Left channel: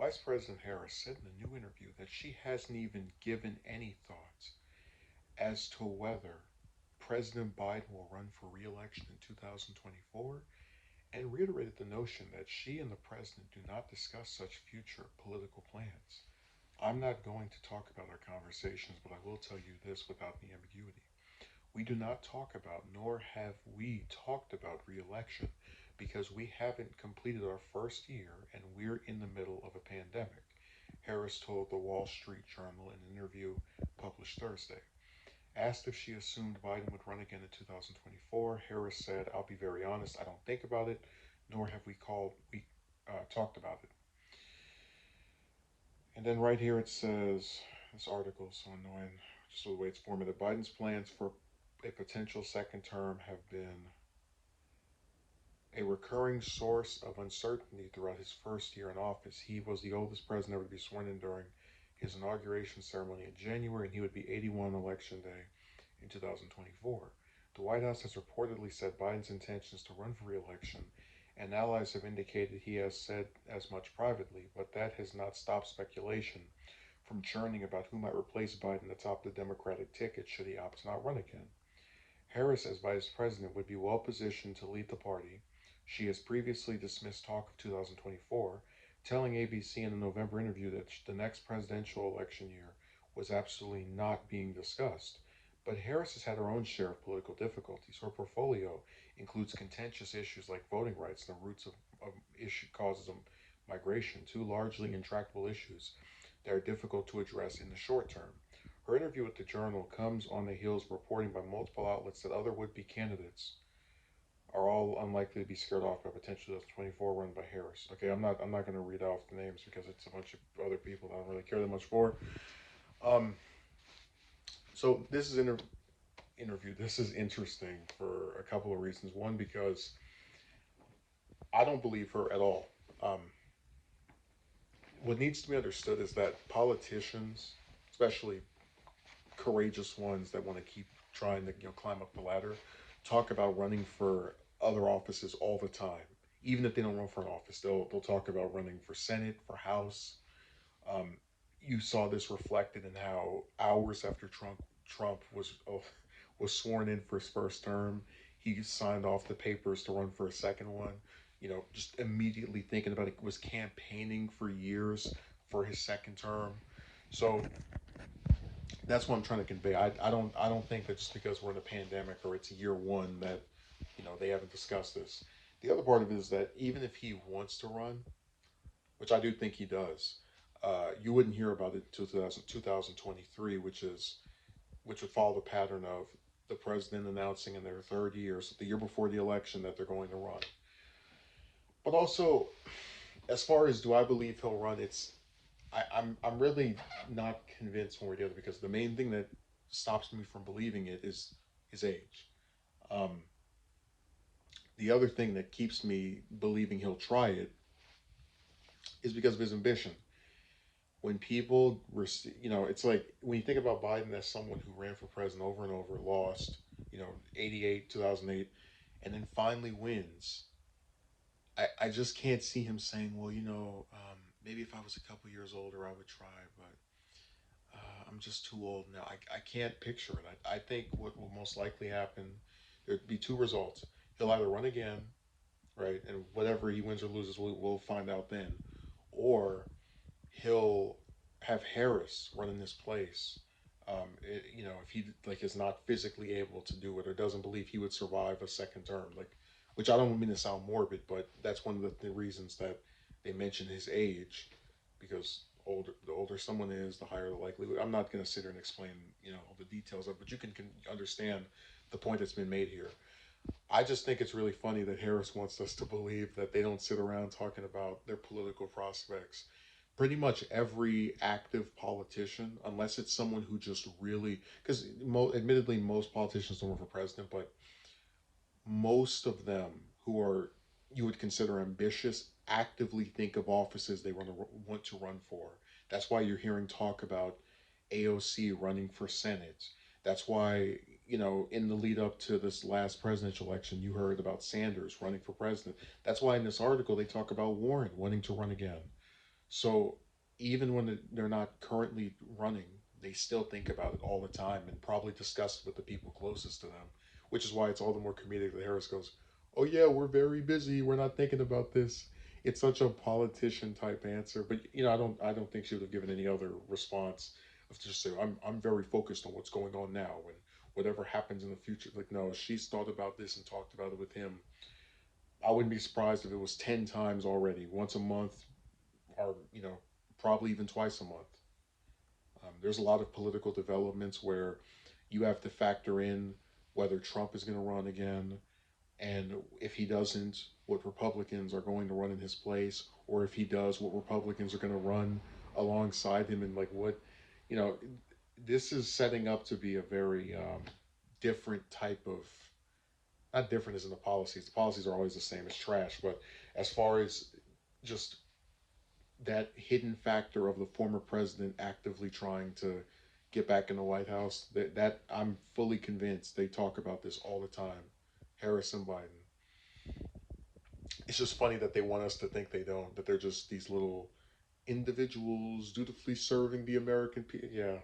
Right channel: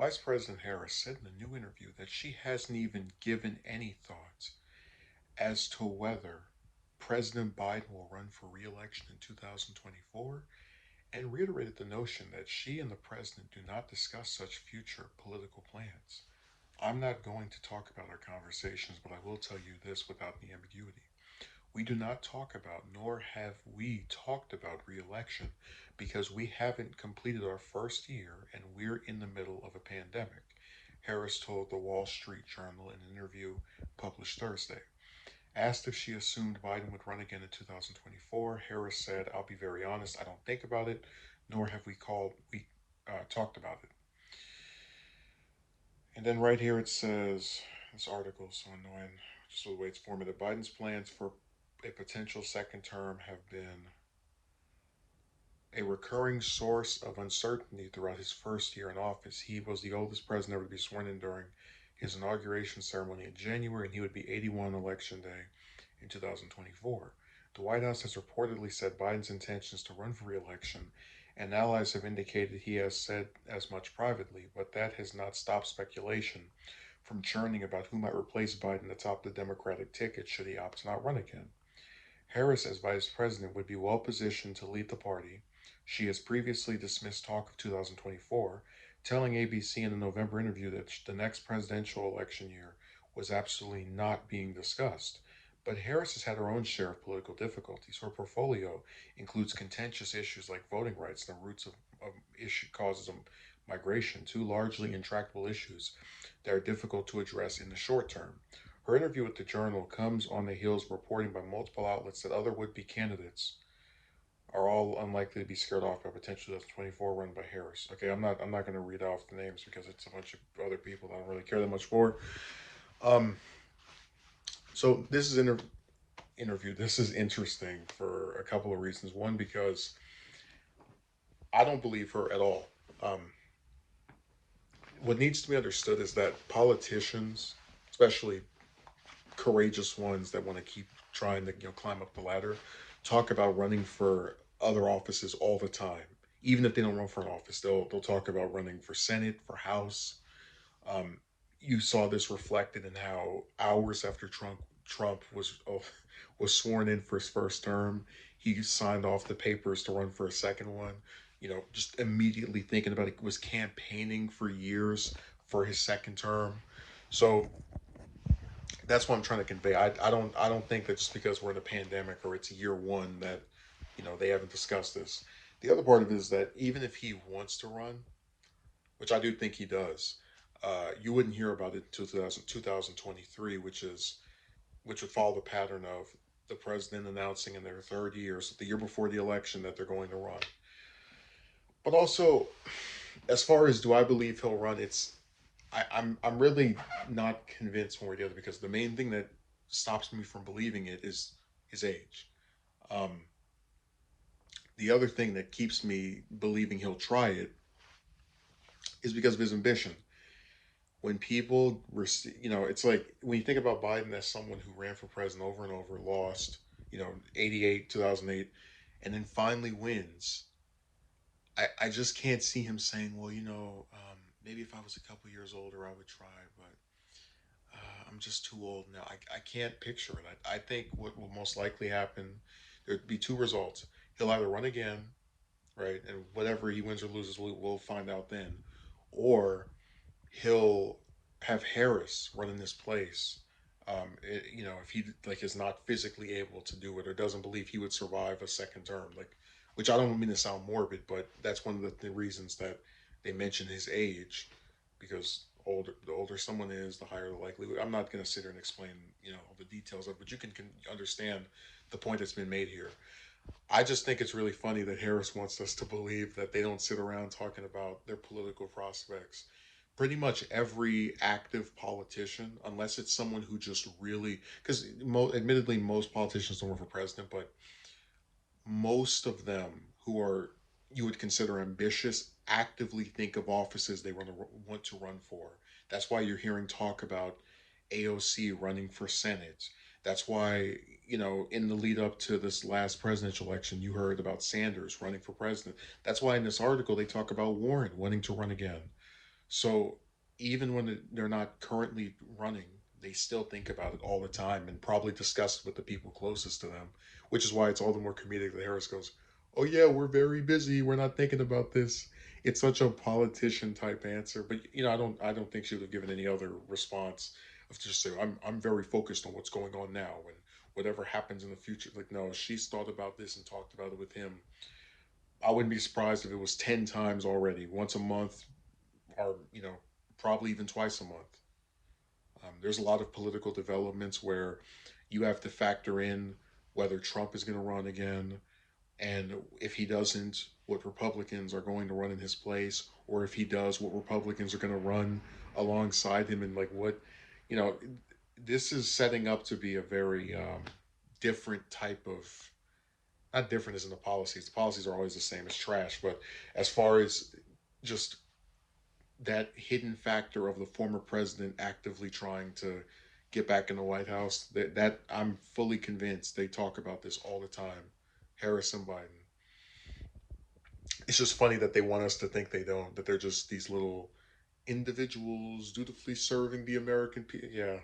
Vice President Harris said in a new interview that she hasn't even given any thoughts as to whether President Biden will run for re election in 2024 and reiterated the notion that she and the president do not discuss such future political plans. I'm not going to talk about our conversations, but I will tell you this without any ambiguity. We do not talk about, nor have we talked about re election because we haven't completed our first year and we're in the middle of a pandemic, Harris told the Wall Street Journal in an interview published Thursday. Asked if she assumed Biden would run again in 2024, Harris said, "I'll be very honest, I don't think about it, nor have we talked about it." And then right here it says, this article is so annoying, just the way it's formatted. Biden's plans for a potential second term have been a recurring source of uncertainty throughout his first year in office. He was the oldest president ever to be sworn in during his inauguration ceremony in January, and he would be 81 election day in 2024. The White House has reportedly said Biden's intentions to run for re-election, and allies have indicated he has said as much privately, but that has not stopped speculation from churning about who might replace Biden atop the Democratic ticket should he opt to not run again. Harris, as vice president, would be well positioned to lead the party. She has previously dismissed talk of 2024, telling ABC in a November interview that the next presidential election year was absolutely not being discussed. But Harris has had her own share of political difficulties. Her portfolio includes contentious issues like voting rights and the roots of causes of migration, two largely intractable issues that are difficult to address in the short term. Her interview with the Journal comes on the heels of reporting by multiple outlets that other would be candidates are all unlikely to be scared off by potential 2024 run by Harris. Okay, I'm not going to read off the names because it's a bunch of other people that I don't really care that much for. Um, so this is interview. This is interesting for a couple of reasons. One, because I don't believe her at all. Um, what needs to be understood is that politicians, especially courageous ones that want to keep trying to climb up the ladder, talk about running for other offices all the time. Even if they don't run for an office, they'll talk about running for Senate, for House. Um, you saw this reflected in how hours after Trump was sworn in for his first term, he signed off the papers to run for a second one. Just immediately thinking about it, was campaigning for years for his second term. So that's what I'm trying to convey. I don't think that just because we're in a pandemic or it's year one that they haven't discussed this. The other part of it is that even if he wants to run, which I do think he does, you wouldn't hear about it until 2023, which would follow the pattern of the president announcing in their third year, so the year before the election, that they're going to run. But also, as far as do I believe he'll run, I'm really not convinced one way or the other because the main thing that stops me from believing it is his age. Um, the other thing that keeps me believing he'll try it is because of his ambition. When people, it's like when you think about Biden as someone who ran for president over and over, lost, 88, 2008, and then finally wins. I just can't see him saying, well, maybe if I was a couple years older, I would try, but I'm just too old now. I can't picture it. I think what will most likely happen, there'd be two results. He'll either run again, right, and whatever he wins or loses, we'll find out then, or he'll have Harris run in this place. If he like is not physically able to do it or doesn't believe he would survive a second term, like, which I don't mean to sound morbid, but that's one of the reasons that they mention his age, because the older someone is, the higher the likelihood. I'm not going to sit here and explain all the details of it, but you can understand the point that's been made here. I just think it's really funny that Harris wants us to believe that they don't sit around talking about their political prospects. Pretty much every active politician, unless it's someone who just really, because admittedly, most politicians don't run for president, but most of them who are you would consider ambitious actively think of offices they want to run for. That's why you're hearing talk about AOC running for Senate. That's why, in the lead up to this last presidential election, you heard about Sanders running for president. That's why in this article they talk about Warren wanting to run again. So even when they're not currently running, they still think about it all the time and probably discuss it with the people closest to them, which is why it's all the more comedic that Harris goes, "Oh yeah, we're very busy. We're not thinking about this." It's such a politician type answer, but I don't think she would have given any other response of just say, I'm very focused on what's going on now and whatever happens in the future. Like, no, she's thought about this and talked about it with him. I wouldn't be surprised if it was 10 times already, once a month, or probably even twice a month. There's a lot of political developments where you have to factor in whether Trump is going to run again, and if he doesn't, what Republicans are going to run in his place, or if he does, what Republicans are going to run alongside him, and like what, you know, this is setting up to be a very different type of, not different as in the policies are always the same as trash, but as far as just that hidden factor of the former president actively trying to get back in the White House, that I'm fully convinced they talk about this all the time. Harris and Biden. It's just funny that they want us to think they don't, that they're just these little individuals dutifully serving the American people. Yeah.